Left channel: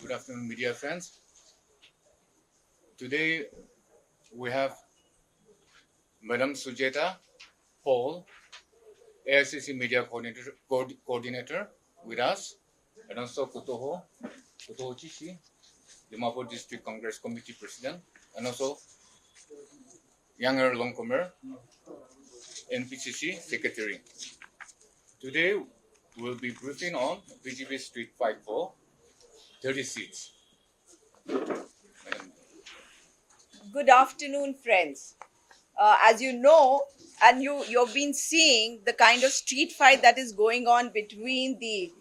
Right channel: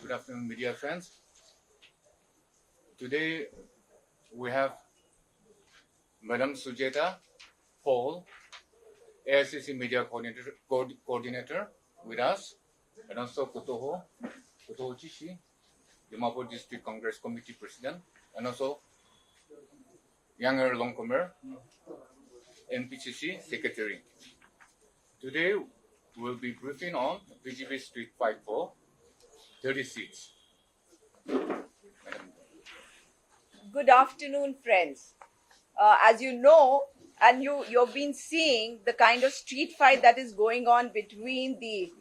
Good afternoon, media friends. Today we have Madam Sujeta Paul, AICC Media Coordinator with us, and also Kutoho Chishi, Dimapur District Congress Committee President, and also Younger Longcomer, NPCC Secretary. Today we'll be briefing on BGP Street Fight for 30 seats. Good afternoon, friends. As you know, and you've been seeing the kind of street fight that is going on between the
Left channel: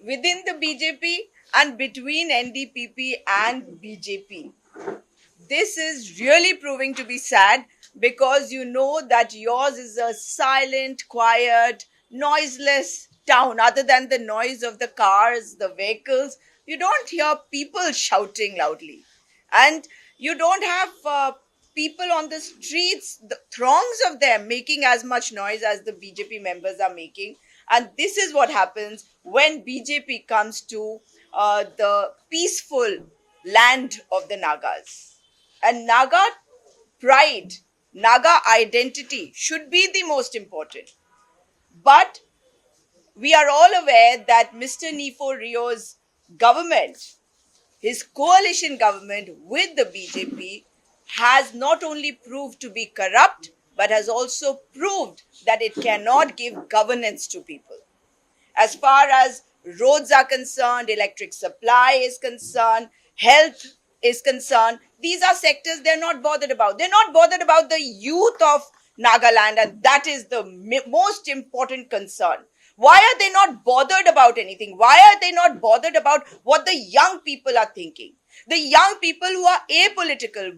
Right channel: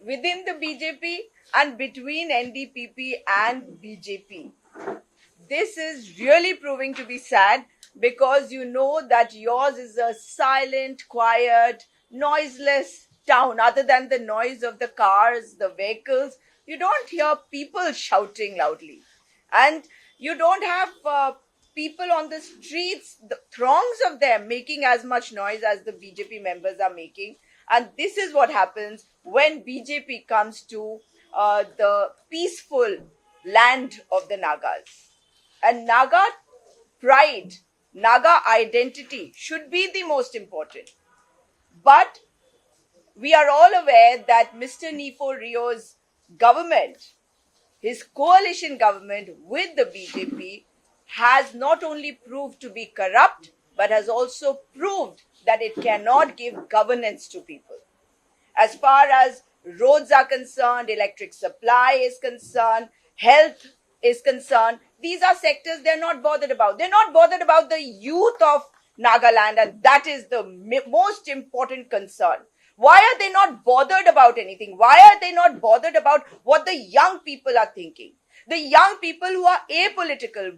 within the BJP and between NDPP and BJP. This is really proving to be sad because you know that yours is a silent, quiet, noiseless town. Other than the noise of the cars, the vehicles, you don't hear people shouting loudly. And you don't have people on the streets, the throngs of them making as much noise as the BJP members are making. And this is what happens when BJP comes to the peaceful land of the Nagas. And Naga pride, Naga identity should be the most important. But we are all aware that Mr. Nifo Rio's government, his coalition government with the BJP, has not only proved to be corrupt, but has also proved that it cannot give governance to people. As far as roads are concerned, electric supply is concerned, health is concerned, these are sectors they're not bothered about. They're not bothered about the youth of Nagaland, and that is the most important concern. Why are they not bothered about anything? Why are they not bothered about what the young people are thinking? The young people who are apolitical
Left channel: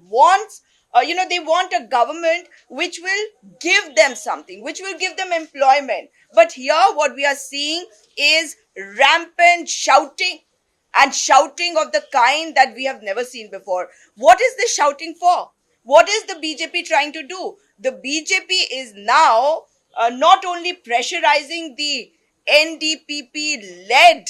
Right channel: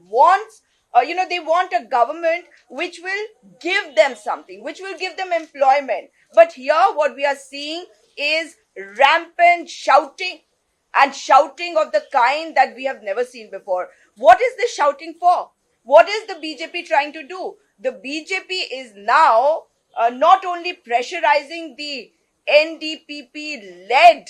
they want a government which will give them something, which will give them employment. But here, what we are seeing is rampant shouting, and shouting of the kind that we have never seen before. What is this shouting for? What is the BJP trying to do? The BJP is now not only pressurizing the NDPP led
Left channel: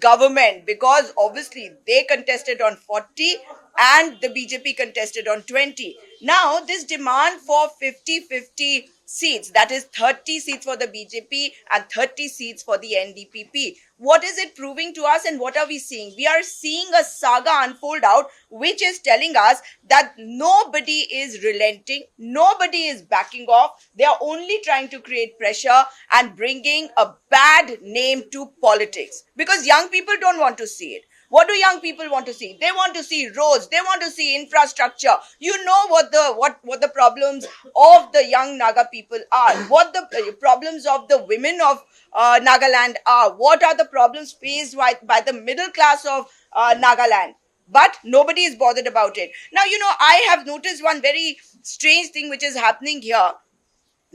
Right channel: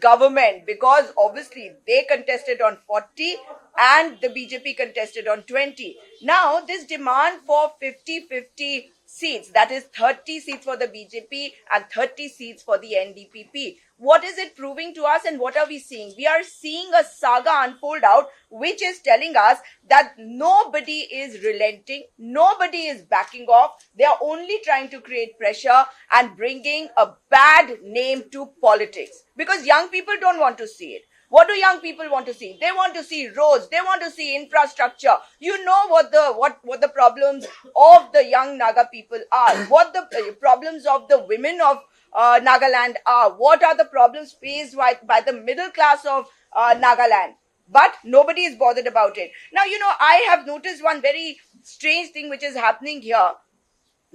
government, because obviously they contested on 40 and the BJP contested on 20. Now this demand for 50-50 seats, that is 30 seats for the BJP and 30 seats for the NDPP. What is it proving to us, and what are we seeing? We are seeing a saga unfold out which is telling us that nobody is relenting, nobody is backing off. They are only trying to create pressure and bringing a bad name to politics, because young people don't want to see it. What do young people want to see? They want to see roads. They want to see infrastructure. You know what the problems of the young Naga people are. What the problems of the women of Nagaland are. What are the problems faced by the middle class of Nagaland? But nobody is bothered about it. Now, I have noticed one very strange thing which is happening here,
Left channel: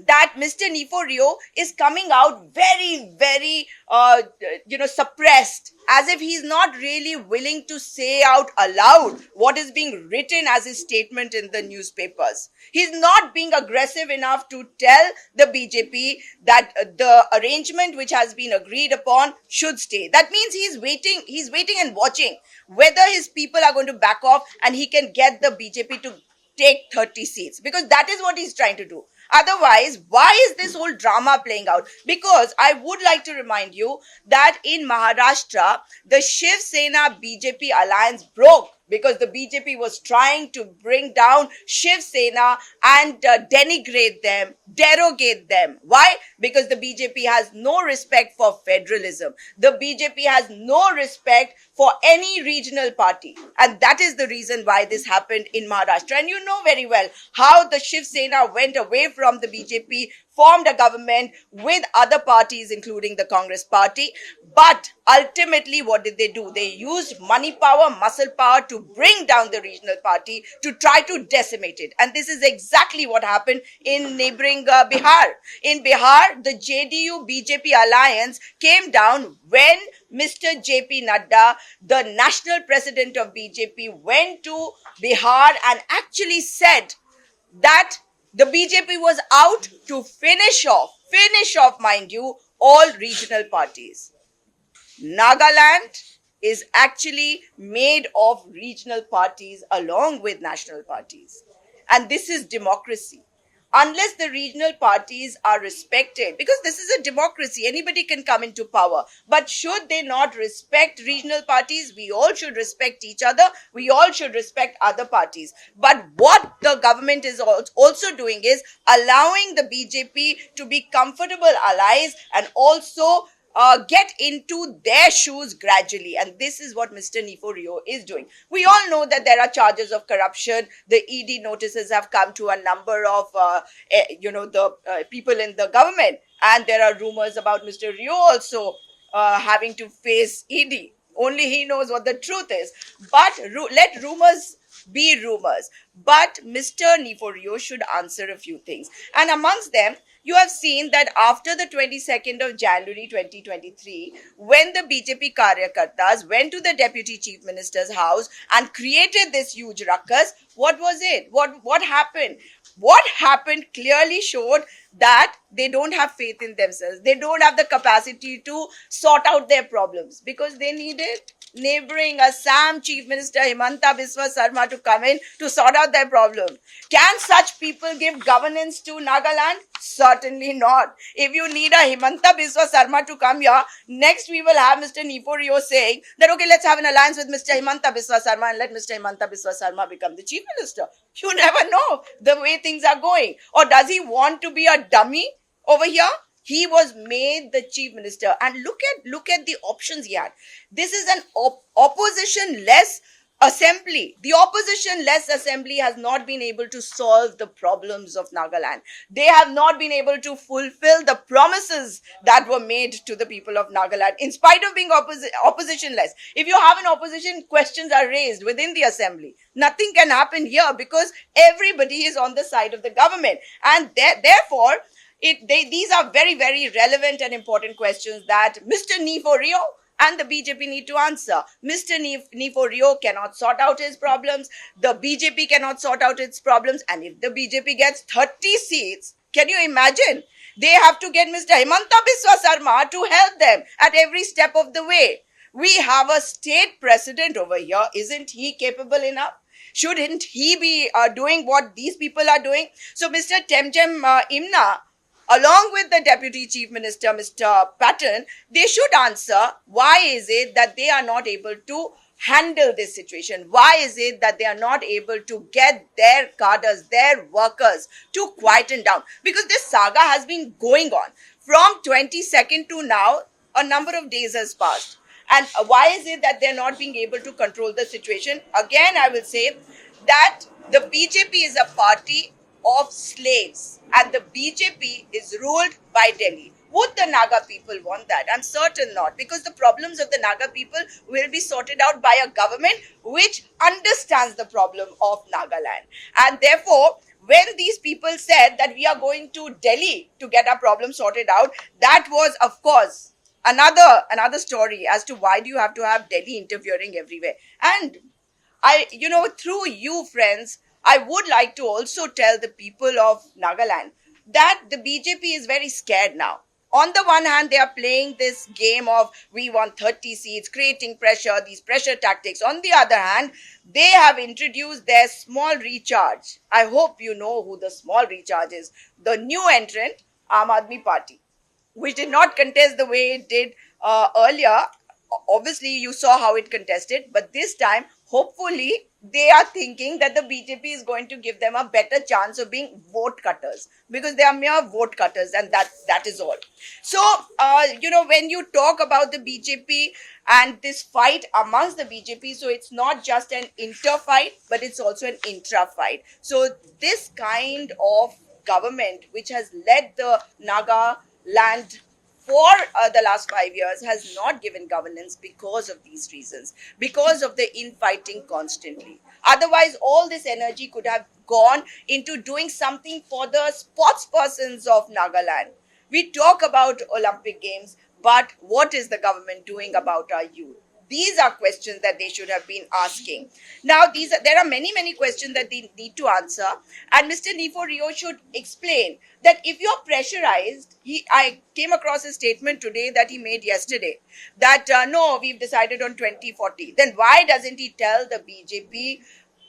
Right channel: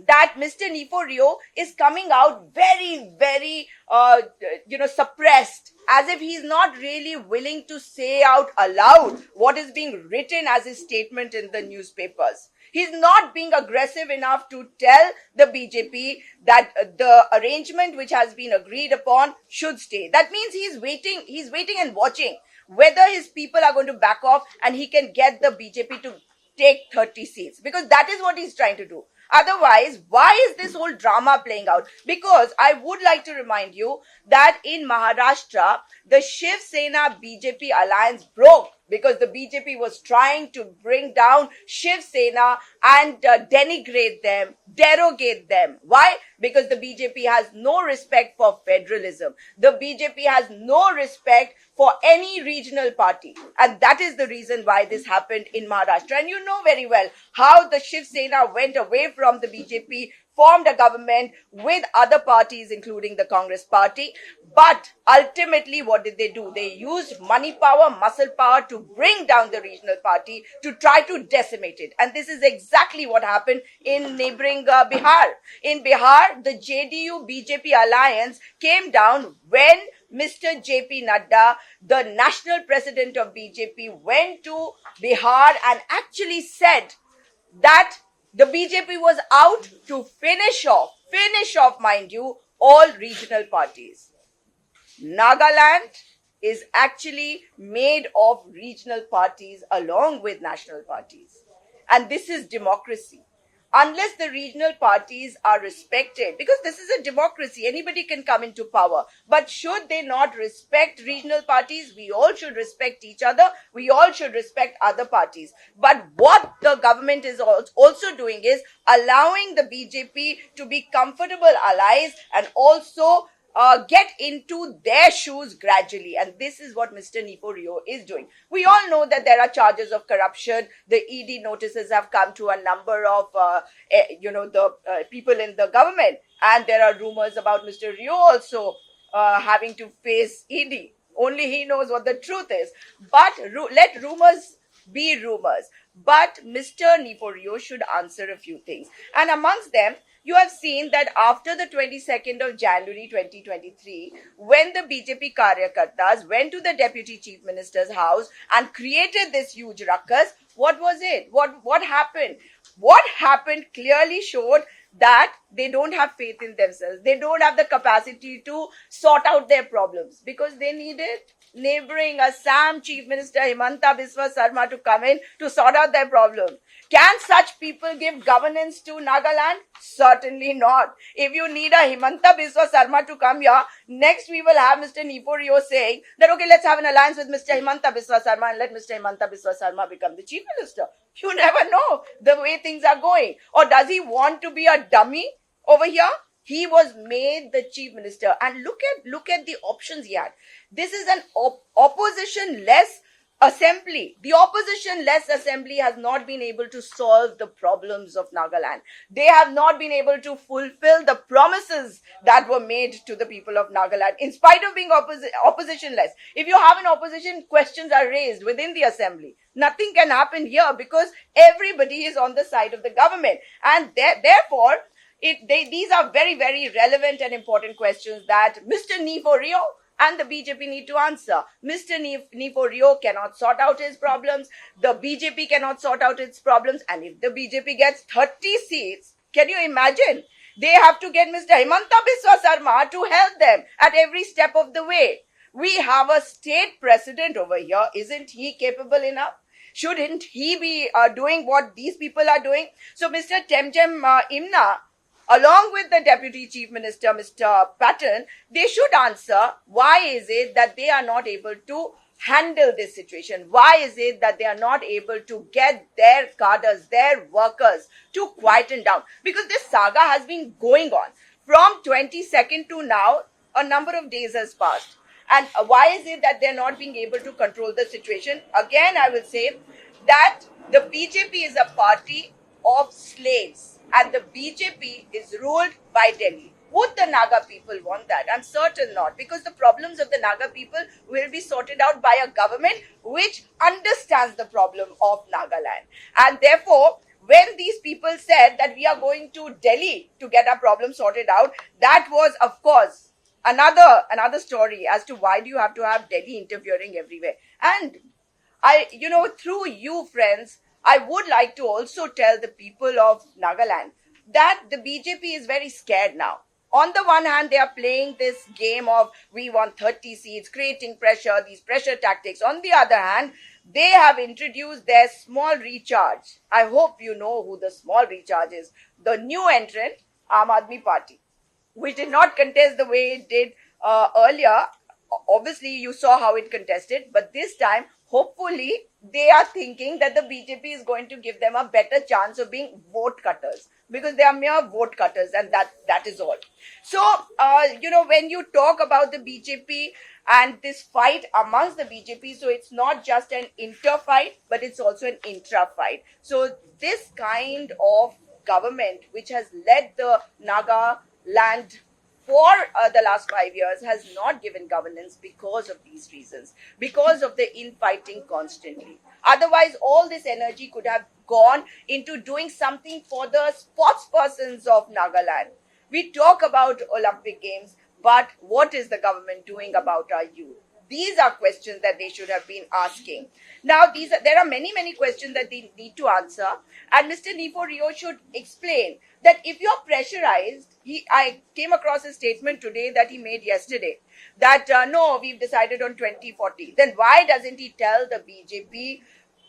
that Mr. Nifo Rio is coming out very, very, suppressed, as if he's not really willing to say out aloud what is being written as his statement in the newspapers. He's not being aggressive enough to tell the BJP that the arrangement which has been agreed upon should stay. That means he's waiting and watching whether his people are going to back off and he can get the BJP to take 30 seats, because that is what he's trying to do. Otherwise, why is this whole drama playing out? Because I would like to remind you that in Maharashtra, the Shiv Sena BJP alliance broke because the BJP was trying to bring down Shiv Sena and denigrate them, derogate them. Why? Because the BJP has no respect for federalism. The BJP has no respect for any regional party. And that is the reason why this happened in Maharashtra. And you know very well how the Shiv Sena went away from the BJP, formed a government with other parties, including the Congress party. But ultimately, what did they do? They used money power, muscle power to bring down the regional party, to try to decimate it. And this is exactly what happened in neighboring Bihar. In Bihar, the JDU-BJP alliance came down when Mr. JP Nadda, the national president of BJP, went to Bihar and actually said that the BJP was out to finish off, mind you, all regional parties. Nagaland is actually made of regional parties along with national parties. And this is democracy. Unless the regional parties are respected, because this is a democracy, anybody can come into power. But should they not respect regional parties? We all should respect each other. We all should respect other parties. But what the government is also doing is allowing the BJP to be comfortable allies and also get into their shoes gradually. And this is what Mr. Niforio is doing. We all know that there are charges of corruption. The ED notices have come to a number of, the people in the government. And there are rumors about Mr. Rio also having to face ED. Only he knows what the truth is. But let rumors be rumors. But Mr. Niforio should answer a few things. And amongst them, you have seen that after the 22nd of January 2023, when the BJP Karyakartas went to the Deputy Chief Minister's house and created this huge ruckus, what was it? What happened? What happened clearly showed that they don't have faith in themselves. They don't have the capacity to sort out their problems because they needed neighboring Assam Chief Minister Himanta Biswa Sarma to come in to sort out their problem. Can such people give governance to Nagaland? Certainly not. If you need a Himanta Biswa Sarma to come here, next we will have Mr. Niforio saying that, okay, let's have an alliance with Mr. Himanta Biswa Sarma and let Mr. Himanta Biswa Sarma become the Chief Minister. You never know the way things are going. Or does he want to be a dummy over here? He was made the chief minister, and look at the options he had. This is an opposition-less assembly. The opposition-less assembly has not been able to solve the problems of Nagaland. They have not been able to fulfill the promises that were made to the people of Nagaland, in spite of being opposition-less. If you have an opposition, questions are raised within the assembly. Nothing can happen here because everybody is on the side of the government, and therefore, these are very, very relevant and important questions that Mr. Niforio and the BJP need to answer. Mr. Niforio cannot sort out his problems. The BJP cannot sort out its problems. And if the BJP gets 30 seats, can you imagine? They have to get Mr. Himanta Biswa Sarma to help them at every step of the way. We have a state president over here. Isn't he capable enough? Shouldn't he be doing what these people are doing? So Mr. Temjem Imna, along with the Deputy Chief Minister, Mr. Patton, they should answer why is it that they are not able to handle this situation? Why is it that they are not able to get their cadres, their workers to quieten down? Because this saga has been going on. From 22nd to now, a number of days has passed. And why is it that they're not being able to control the situation? Again, I will say that the BJP is a party of slaves, and the BJP is ruled by Delhi. Would the Naga people want that? I'm certain not, because the problems of the Naga people will be sorted out by a government which understands the problem of Nagaland. And therefore, when these people said that we are going to Delhi to get our problem sorted out, that was, of course, another story as to why do you have to have Delhi interfering everywhere. And through you, friends, I would like to also tell the people of Nagaland that the BJP is very scared now. On the one hand, they are playing this game of we want 30 seats, creating pressure, these pressure tactics. On the other hand, they have introduced their small recharge. I hope you know who the small recharge is. The new entrant, Aam Aadmi Party, which did not contest the way it did earlier. Obviously, you saw how it contested, but this time, hopefully, they are thinking that the BJP is going to give them a better chance of being vote cutters, because they are mere vote cutters, and that is all. So, when you talk about the BJP and this fight amongst the BJP, so it's not just an inter-fight, but it's also an intra-fight. So, this kind of government, which has led the Nagaland for the last 5 years, has not given governance because of these reasons, because of the infighting constantly. Otherwise, all this energy could have gone into doing something for the sports persons of Nagaland. We talk about Olympic Games, but what is the government doing about our youth? These are questions that they should have been asking. Now, there are many questions that they need to answer, and Mr. Nifo Rio should explain that if you're pressurized, I came across a statement today that he made yesterday that no, we've decided on 2040. Then why doesn't he tell the BJP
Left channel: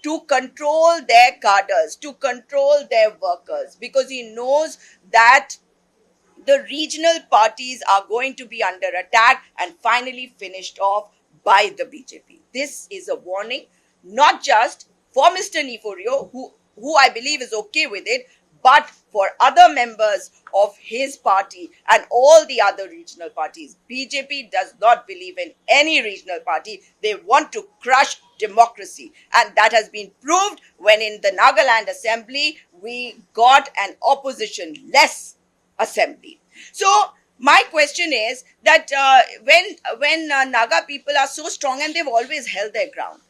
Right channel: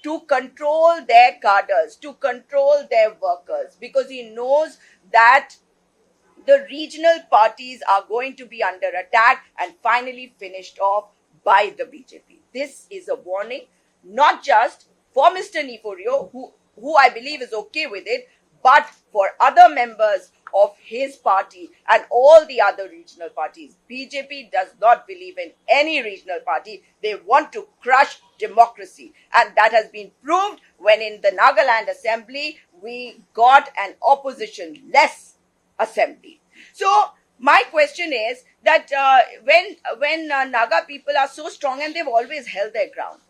to control their cadres, to control their workers? Because he knows that the regional parties are going to be under attack and finally finished off by the BJP. This is a warning, not just for Mr. Niforio, who I believe is okay with it, but for other members of his party and all the other regional parties. BJP does not believe in any regional party. They want to crush democracy. And that has been proved when in the Nagaland assembly, we got an opposition-less assembly. So my question is that when Naga people are so strong and they've always held their ground,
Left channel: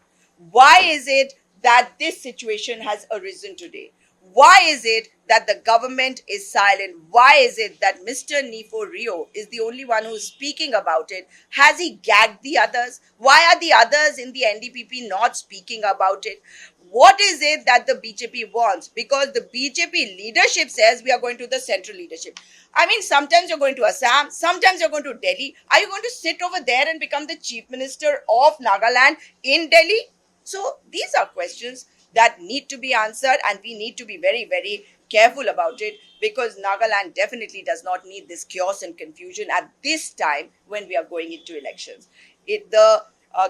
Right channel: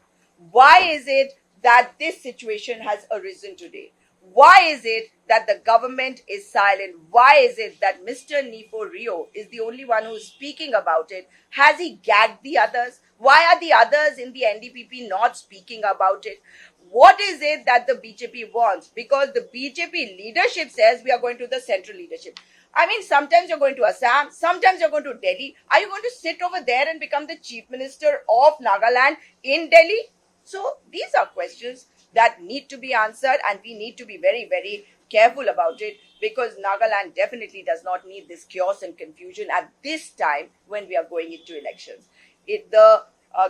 why is it that this situation has arisen today? Why is it that the government is silent? Why is it that Mr. Nifo Rio is the only one who's speaking about it? Has he gagged the others? Why are the others in the NDPP not speaking about it? What is it that the BJP wants? Because the BJP leadership says we are going to the central leadership. I mean, sometimes you're going to Assam, sometimes you're going to Delhi. Are you going to sit over there and become the chief minister of Nagaland in Delhi? So these are questions that need to be answered, and we need to be very careful about it, because Nagaland definitely does not need this chaos and confusion at this time when we are going into elections. The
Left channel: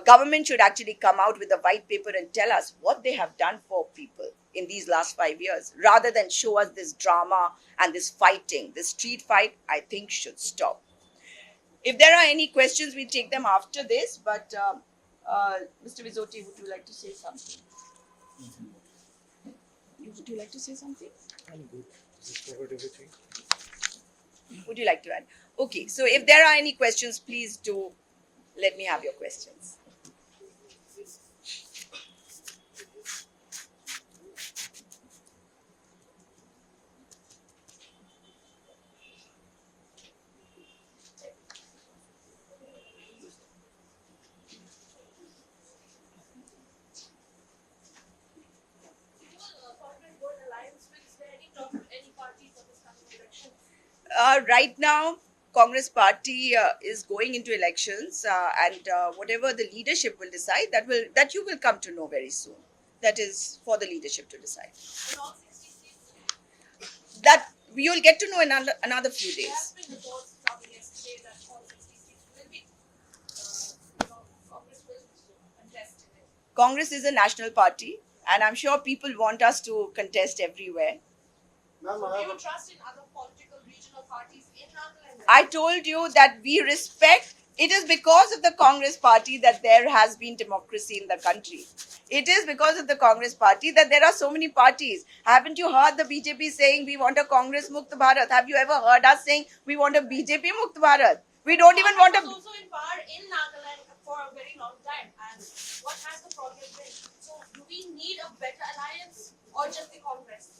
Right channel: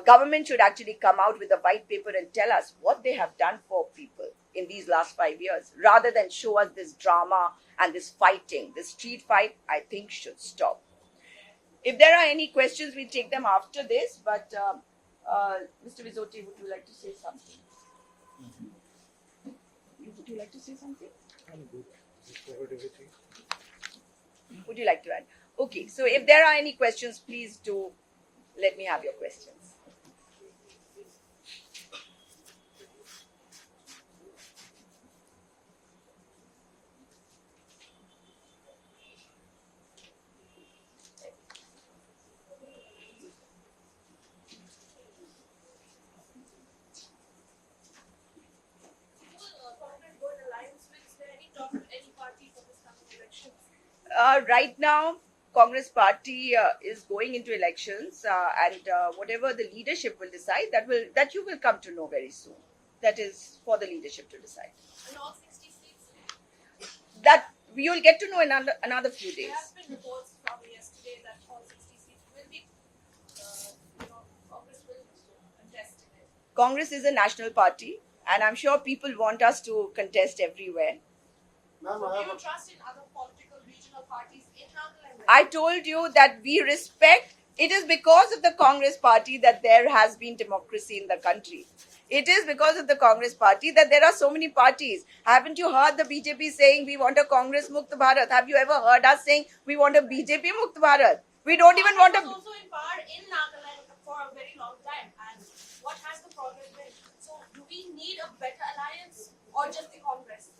government should actually come out with a white paper and tell us what they have done for people in these last 5 years, rather than show us this drama and this fighting. This street fight, I think, should stop. If there are any questions, we take them after this. But Mr. Vizoti, would you like to say something? Would you like to say something? I'm good. Just covered everything. Would you like to add? Okay, so if there are any questions, please do let me have your questions. Right now, Congress party is going into elections, and whatever the leadership will decide, that you will come to know very soon. That is for the leadership to decide. That we will get to know in another few days. Congress is a national party, and I'm sure people want us to contest everywhere. Ma'am, do you trust in other political regional parties in Nagaland? I told you that we respect. It is because of the Congress party that there has been democracy in the country. It is because of the Congress party that there are so many parties. Haven't you heard the BJP saying we want a Congress Mukt Bharat? Have you ever heard us saying we want a BJP Mukt Bharat? We don't even want a... was also in power in Nagaland for a very long time. And what has the progress been? So do we need a better alliance or just the Congress?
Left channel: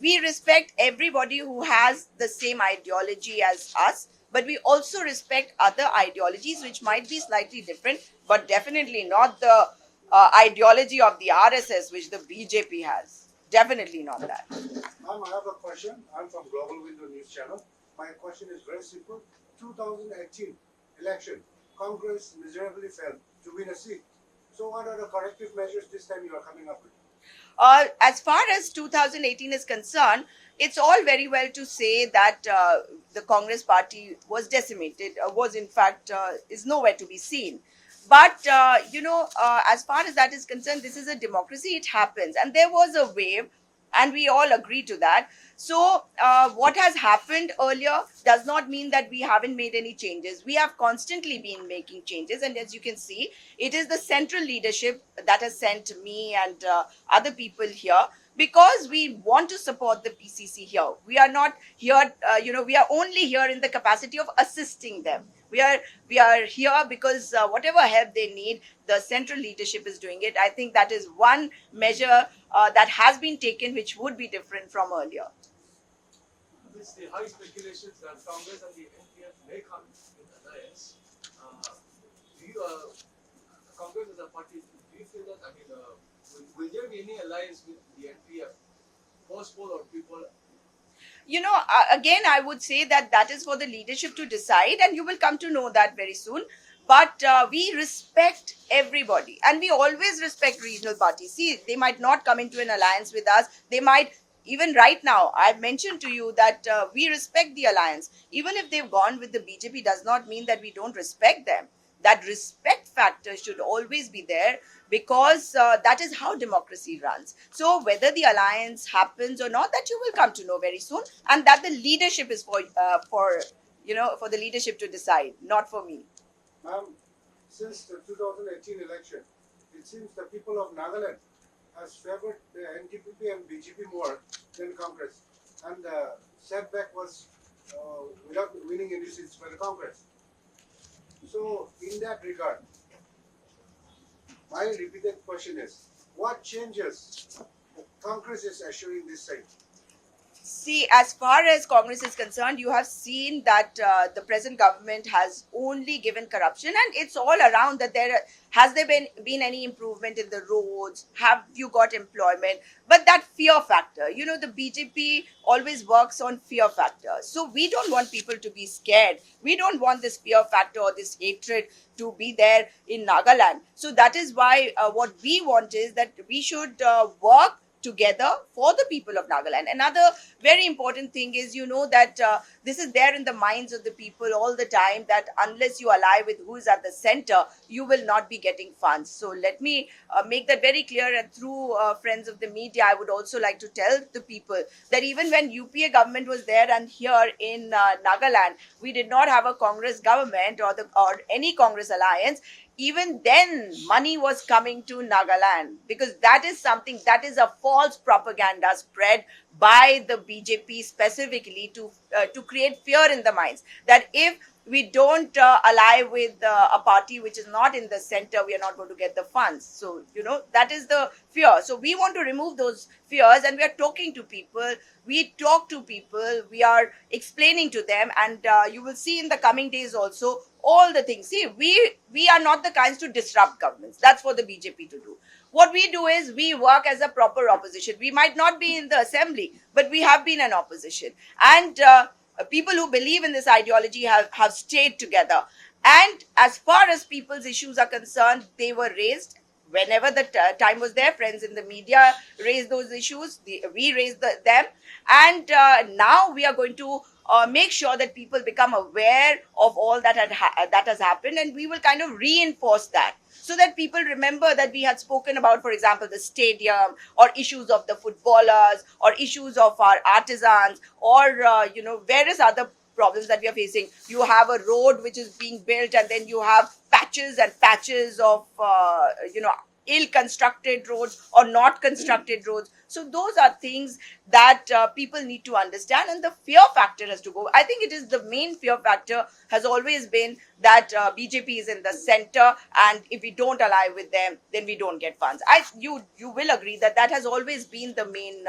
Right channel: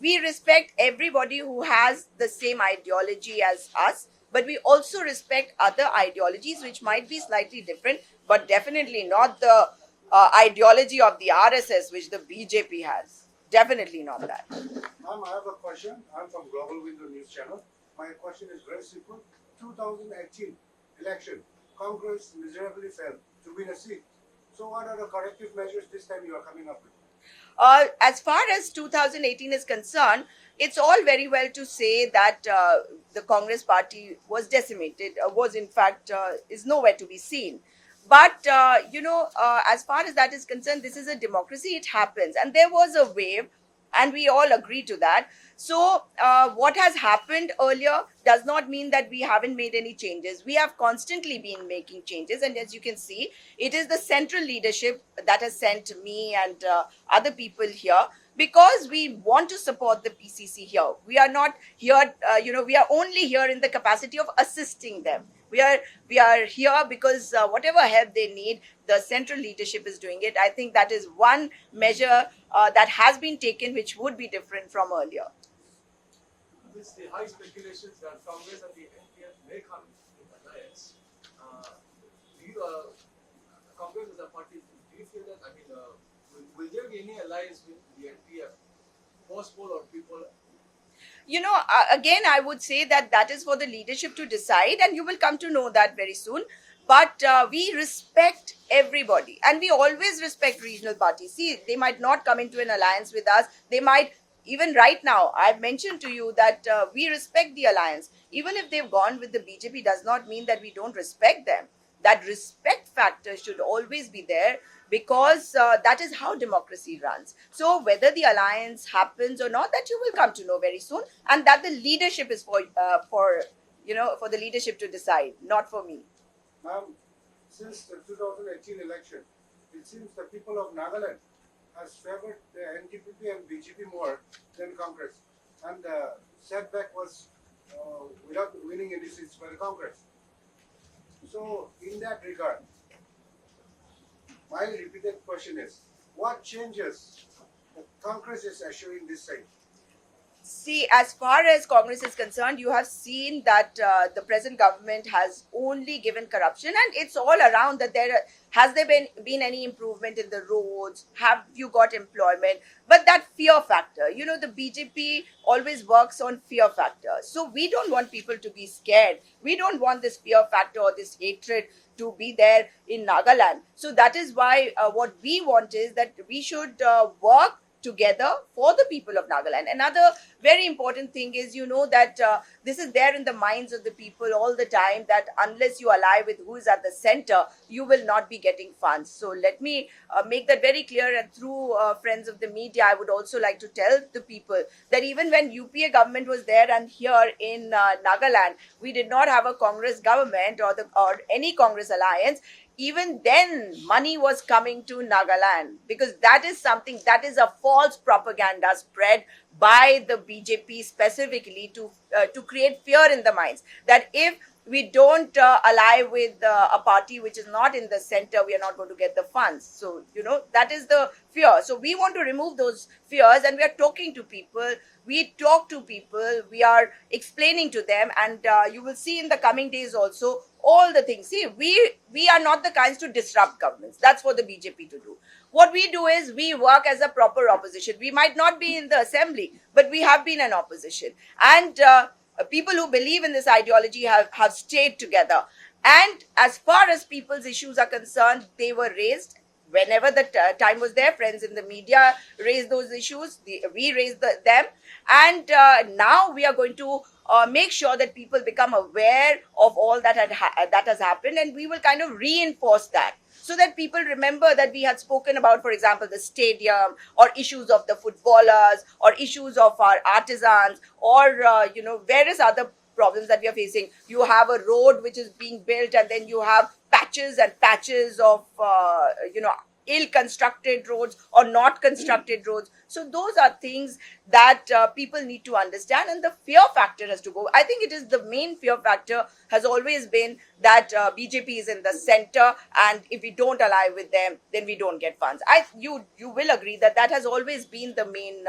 We respect everybody who has the same ideology as us, but we also respect other ideologies which might be slightly different, but definitely not the ideology of the RSS which the BJP has. Definitely not that. Ma'am, I have a question. I'm from Global Window News Channel. My question is very simple. 2018 election, Congress miserably failed to win a seat. So what are the corrective measures this time you are coming up with? As far as 2018 is concerned, it's all very well to say that the Congress party was decimated, was in fact, is nowhere to be seen. But, as far as that is concerned, this is a democracy, it happens. And there was a wave, and we all agree to that. So, what has happened earlier does not mean that we haven't made any changes. We have constantly been making changes. And as you can see, it is the central leadership that has sent me and other people here, because we want to support the PCC here. We are not here, we are only here in the capacity of assisting them. We are here because whatever help they need, the central leadership is doing it. I think that is one measure that has been taken, which would be different from earlier. With the high speculations that Congress and the NPF may come in alliance, Congress as a party, do you feel that, will there be any alliance with the NP post-poll or people? Again, I would say that that is for the leadership to decide, and you will come to know that very soon. But we respect everybody, and we always respect regional parties. See, they might not come into an alliance with us. They might, even right now, I've mentioned to you that we respect the alliance. Even if they've gone with the BJP, does not mean that we don't respect them. That respect factor should always be there, because that is how democracy runs. So whether the alliance happens or not, that you will come to know very soon, and that the leadership is for the leadership to decide, not for me. Ma'am, since the 2018 election, it seems the people of Nagaland has favored the NDPP and BJP more than Congress, and the setback was without winning any seats by the Congress. So, in that regard, my repeated question is, what changes the Congress is assuring this side? See, as far as Congress is concerned, you have seen that the present government has only given corruption, and it's all around that has there been any improvement in the roads? Have you got employment? But that fear factor, the BJP always works on fear factor. So we don't want people to be scared. We don't want this fear factor or this hatred to be there in Nagaland. So that is why what we want is that we should work together for the people of Nagaland. Another very important thing is, that this is there in the minds of the people all the time, that unless you ally with who is at the center, you will not be getting funds. So let me make that very clear, and through friends of the media, I would also like to tell the people that even when UPA government was there and here in Nagaland, we did not have a Congress government or any Congress alliance. Even then, money was coming to Nagaland, because that is a false propaganda spread by the BJP specifically to create fear in the minds, that if we don't ally with a party which is not in the center, we are not going to get the funds. So, that is the fear. So we want to remove those fears, and we are talking to people. We talk to people, we are explaining to them, and you will see in the coming days also all the things. See, we are not the kinds to disrupt governments. That's for the BJP to do. What we do is we work as a proper opposition. We might not be in the assembly, but we have been an opposition. And people who believe in this ideology have stayed together. And as far as people's issues are concerned, they were raised. Whenever the time was there, friends in the media raised those issues. We raised them. And now we are going to make sure that people become aware of all that has happened. And we will kind of reinforce that, so that people remember that we had spoken about, for example, the stadium, or issues of the footballers, or issues of our artisans, or, various other problems that we are facing. You have a road which is being built, and then you have patches and patches of, ill-constructed roads or not constructed roads. So those are things that people need to understand, and the fear factor has to go. I think it is the main fear factor has always been that BJP is in the center, and if we don't ally with them, then we don't get funds. You will agree that has always been the main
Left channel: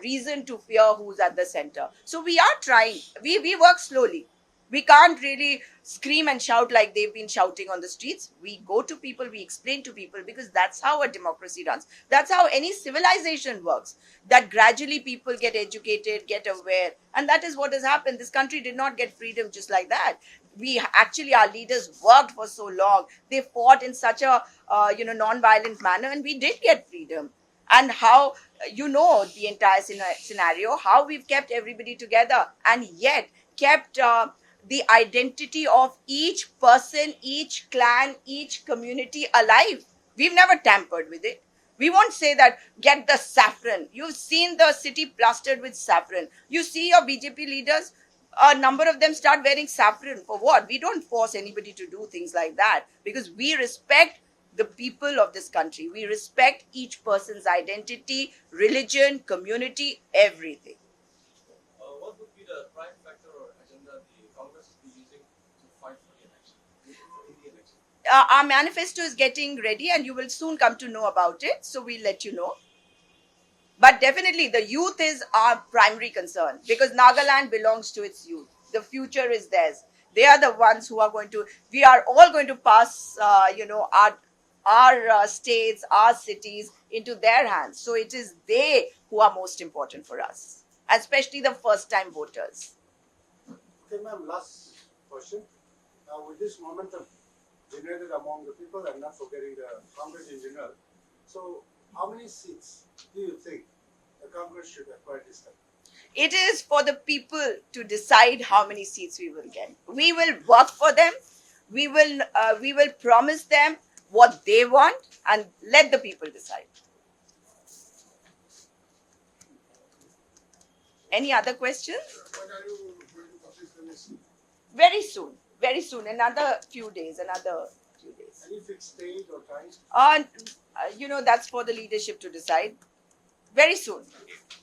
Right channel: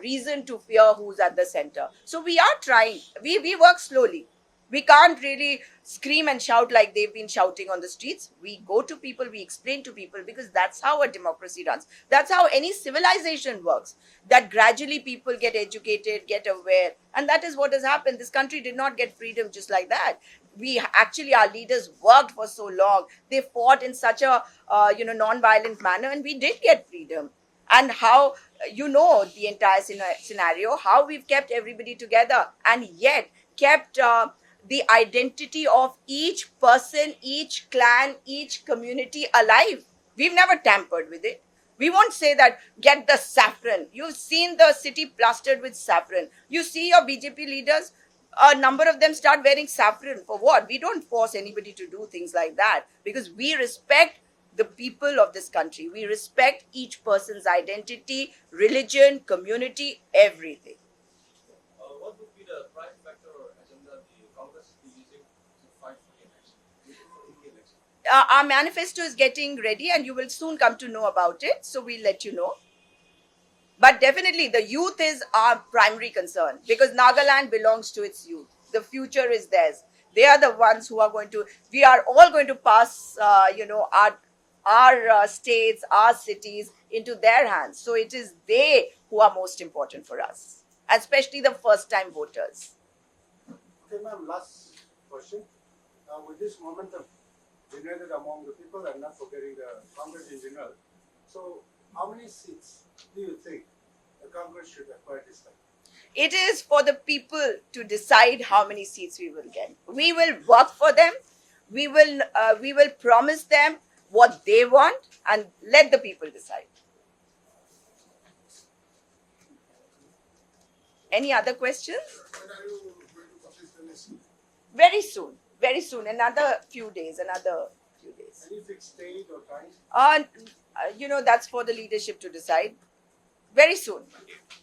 reason to fear who's at the center. So we are trying. We work slowly. We can't really scream and shout like they've been shouting on the streets. We go to people, we explain to people, because that's how a democracy runs. That's how any civilization works. That gradually people get educated, get aware. And that is what has happened. This country did not get freedom just like that. Our leaders worked for so long. They fought in such a, non-violent manner, and we did get freedom. And how, the entire scenario, how we've kept everybody together, and yet kept the identity of each person, each clan, each community alive. We've never tampered with it. We won't say that, get the saffron. You've seen the city plastered with saffron. You see your BJP leaders, a number of them start wearing saffron. For what? We don't force anybody to do things like that, because we respect the people of this country. We respect each person's identity, religion, community, everything. What would be the prime factor or agenda the Congress is using to fight for the election? Our manifesto is getting ready, and you will soon come to know about it. So we'll let you know. But definitely the youth is our primary concern, because Nagaland belongs to its youth. The future is theirs. They are the ones who are going to. We are all going to pass, our states, our cities into their hands. So it is they who are most important for us, especially the first-time voters. Okay, ma'am, last question. With this momentum generated among the people and not forgetting the Congress in general, so how many seats do you think the Congress should acquire this time? It is for the people to decide how many seats we will get. We will work for them. We will promise them what they want and let the people decide. Any other questions? When are you going to publish the list? Very soon, another few days. Any fixed date or time? That's for the leadership to decide. Very soon.